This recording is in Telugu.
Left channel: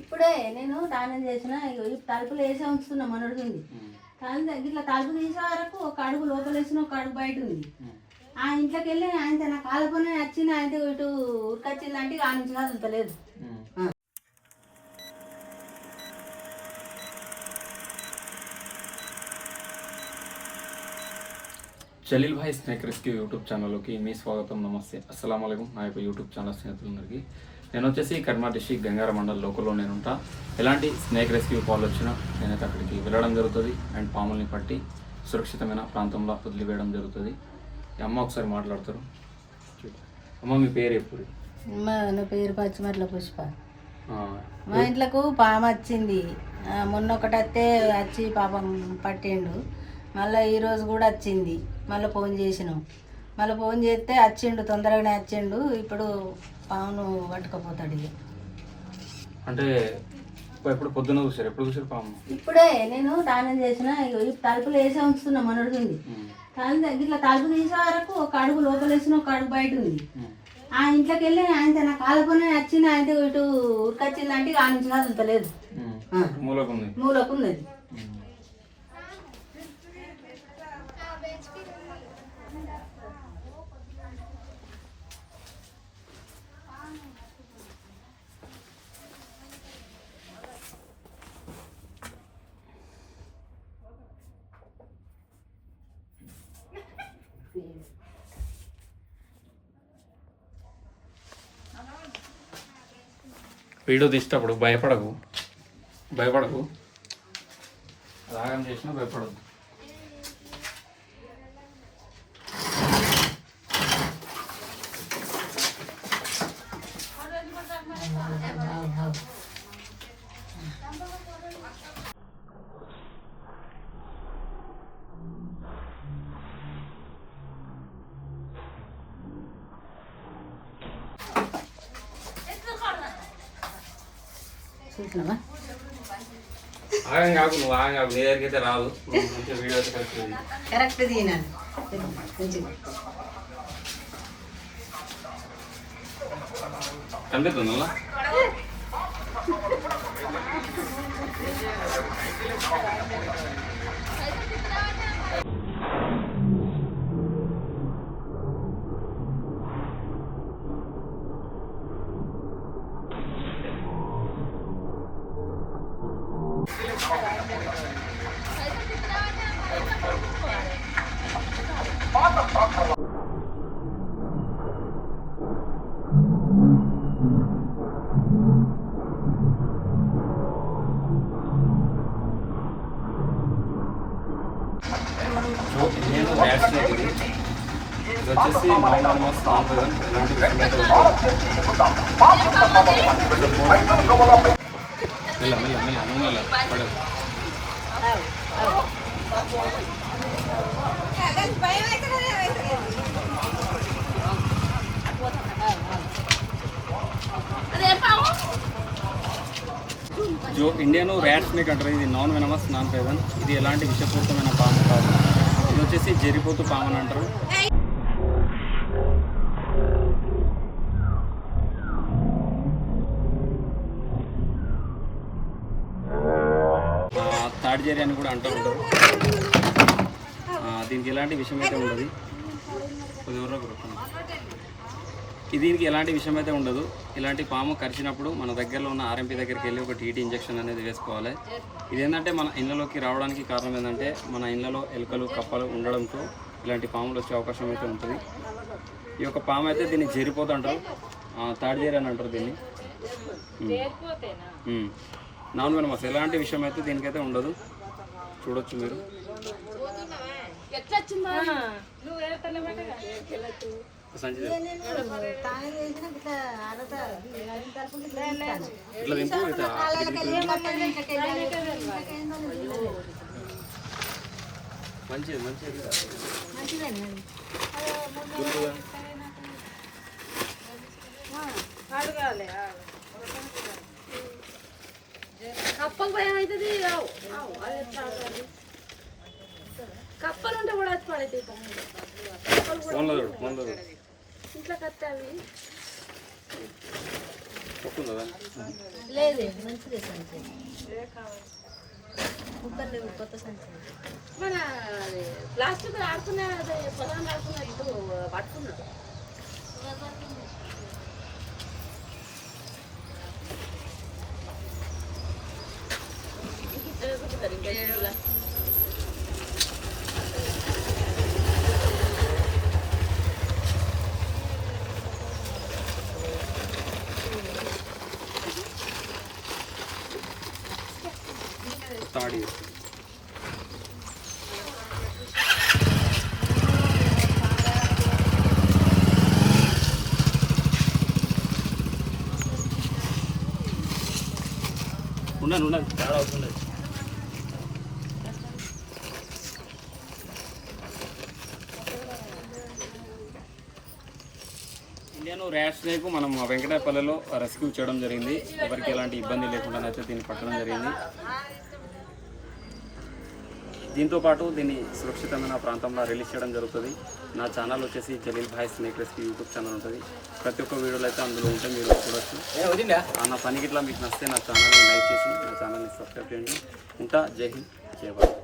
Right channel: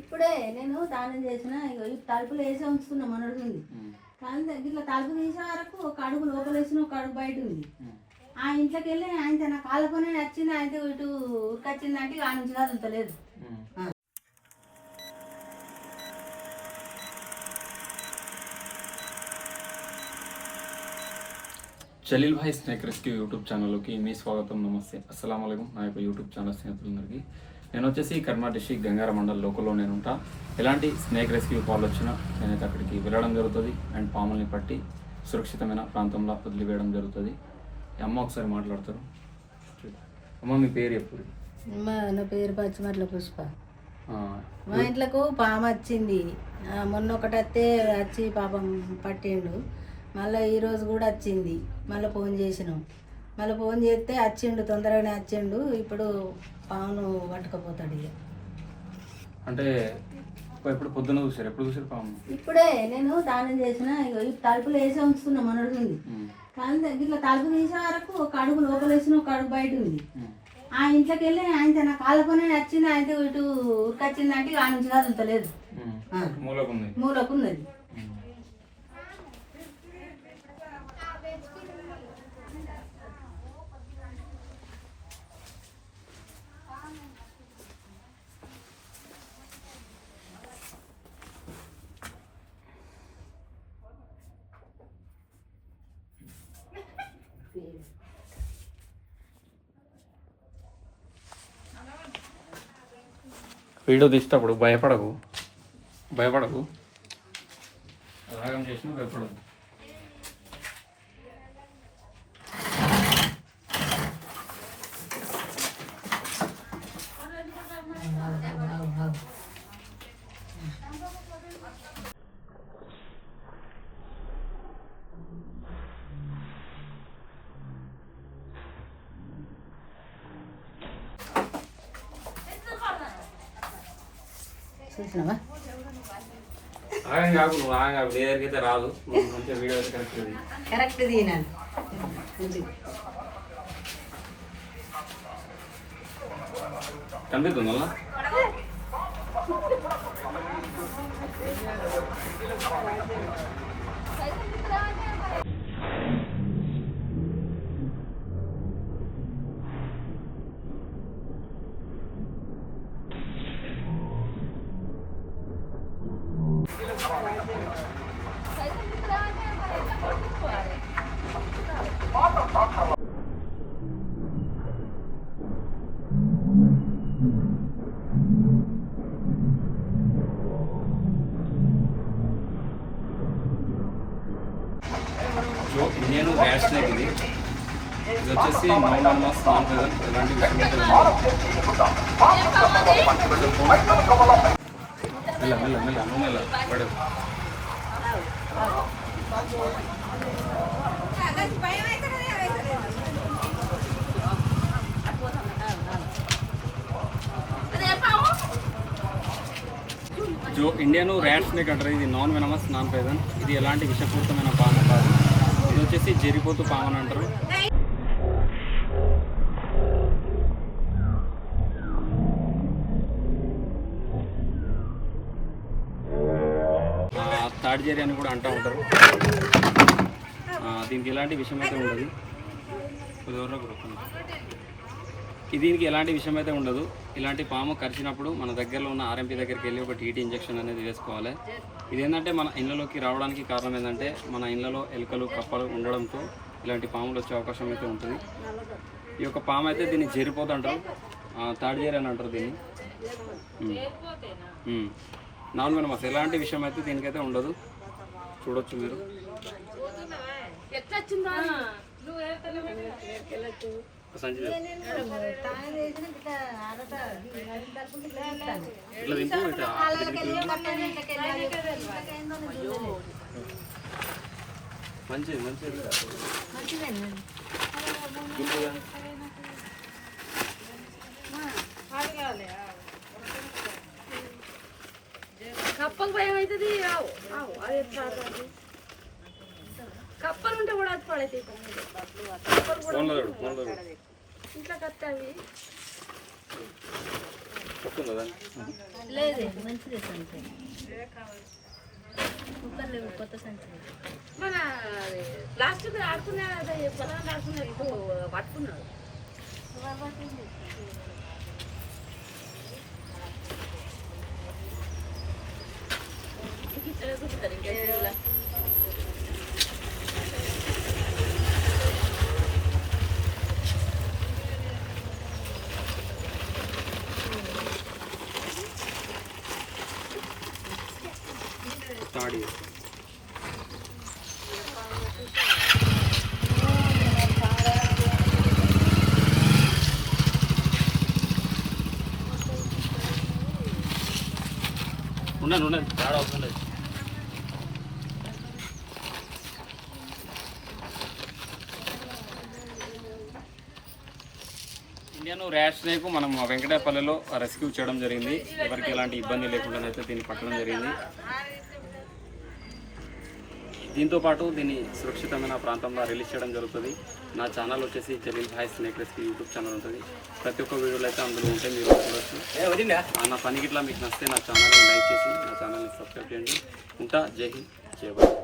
ఇప్పుడే నేను దానం చేసిన తలుపులు వేసే ఉంచుతున్నా మనోడు కానీ ఇట్లా తలుపు తీసే వరకు ఒక అడుగు లోపల వేసిన ఒక అడుగు బయట ఉంది. ఆ ఇంట్లోకి వెళ్ళి ఆయన నా కాలుకొని వచ్చింది ఆయన ఇటు ఉరికొచ్చిందంటే ఆ నుంచి కదులుతలేదు. Jaleel Bhai snake rescue YouTube ఛానల్లోకి మీ స్వాగతం నమస్తే. అస్సలం నా యొక్క యూట్యూబ్ ఛానల్ స్నేహితులందరికీ నేను వచ్చేసి కర్మా డిస్టిక్ గంగార మండల్ లోకల్లో నేను ఉంటా ఎలాంటి స్నేక్ రెస్క్యూ కాల్ వచ్చినా నేనైతే అక్కడికి వెళ్ళడం జరుగుతుంది అండ్ పాముల్ని పట్టి సురక్షితమైన ప్రాంతంలో వదిలివేయడం జరుగుతుంది. అమ్మ ఒకసారి మాట్లాడతారు. అమ్మ మీ పేరు ఎప్పుడు? నా పేరు పచ్చిమట్ల పుష్ప. మా ఇంట్లోకు పాము వచ్చింది. మొన్న ఒకటి వస్తే వచ్చి పాపం పట్టిండు. మళ్ళీ ఈరోజు కూడా వచ్చింది. మళ్ళీ ఫోన్ చేసినాం. మళ్ళీ ఫోన్ చేస్తే వచ్చిండు తొందరగానే వచ్చిండు. ఇప్పుడు పామును పట్టుకుపోతాడు ఇక. అంటే ఎప్పుడు పొద్దున్న చూసారు ఎప్పుడు చూసారు పాము? ఇప్పుడే నేను దానం చేసిన తలుపులు వేసే ఉంచుతున్నా మనోడు ఉంది. ఉమ్, కానీ ఇట్లా తలుపు తీసే వరకు ఒక అడుగు లోపల వేసిన ఒక అడుగు బయట ఉంది. ఆ ఇంట్లోకి వెళ్ళి ఆయన నా కాలుకొని వచ్చింది ఆయన ఇటు ఉరికొచ్చిందంటే ఆ నుంచి కదులుతలేదు ఉమ్. మూలకుంది మూలకు వీడియో తీసేటప్పుడు భయపడకు భయపడకు రాగం చేసినా భయపడదు Thank you. కాకు నువ్వు ఆగం కాకు నీ దగ్గరికి అయితే రాదు. నువ్వు మంచిగా వీడియో అయితే కరెక్ట్ ఉంది. కరెక్ట్ దీనా కనిపిస్తుంది నేను వ్యాక్సినేట్ ఇది ఇది వచ్చేసి నాన్ నార్మస్ నాన్ ప్రెజెంట్ ఎలాంటి విషయం అయితే ఉండదు. మెల్ల మెల్ల మెల్ల నువ్వు మెల్ల పడదు జో ఇండియాను ర్యాట్ స్నేక్ అంటారు ఇది నాన్ వెనమస్ నాన్ పేదన్. ఇది ఎలాంటి విషపూరితమైన పాము కాదు. ఇది వచ్చేసి జరిపోతు పాము అని అంటారు. తాడిజేరి అని కూడా అంటూ ఉంటారు. దీనికి ఎలాంటి విషయం అయితే ఉండదు కొద్దిగా దీనికి ఎలాంటి విషయం అయితే ఉండదు. ఇలాంటి పాము కరిచినప్పుడు మన దగ్గరలో ఉన్న ఆర్ఎంపీ దగ్గరికి వెళ్ళి ఒక టీటీ ఇంజెక్షన్ అనేది వేసుకోవాలి. ఇదేంటంటే మన ఇళ్ళలోకి రావడానికి కారణం ఏంటంటే మన ఇళ్ళలో ఎలుకలు కప్పలు ఉండడంతో ఇలాంటి పాములు వచ్చే అవకాశం అయితే ఉంటుంది. ఈ యొక్క పాము అయితే దీన్ని జరిపోతుంటారు తాడిజేరి అని అంటారు దీన్ని. Non venomous. ఎలాంటి విషయం అయితే దీనికైతే ఉండదు. చూడొచ్చు మీరు. ఇట్లా దింపు? ఇట్లా మంచిది కప్పలు భయం అవుతుంది కప్పలు ఉంటే కూడా అది పడైతే ఫోన్లో చూడు ఫోన్లో చూడు. ఇట్లా ఒప్పుకుందా దాన్ని? లేదు. మంచిదే సంచి. కుక్కర్ లేవు కొత్త సంచి. మన అది ప్లాస్టిక్ ఆడుకునే ఆడుకునే ఇప్పుడు పట్టుకున్నారు. తాడి చేస్తాం ఉండండి ఉండండి. తేడా అవుతుంది. ఇండియన్ ర్యాష్ స్నేక్ మనం వెంకటాపల్లిలో రెస్క్యూ చేయడం జరిగింది. ఎవరికి ఎలాంటి ఇబ్బంది లేకుండా అయితే దీన్ని పట్టడం జరిగింది. దీంతో పాటు దీన్ని సురక్షితమైన ప్రాంతంలో రిలీజ్ చేయడం జరుగుతుంది. నా ఛానల్ వచ్చేసి Jaleel Bhai snake rescue YouTube channel ఉంటుంది. ప్రతి ఒక్క వీడియోలు అయితే అందులో ఉంటాయి మీరు చూడొచ్చు. నా పనికి ఇట్లా మీకు నచ్చితే నా ఛానల్ని లైక్ చేసి నా ఛానల్ని సబ్స్క్రైబ్ చేయండి. ఉంటా జై హింద్ జై భారత్.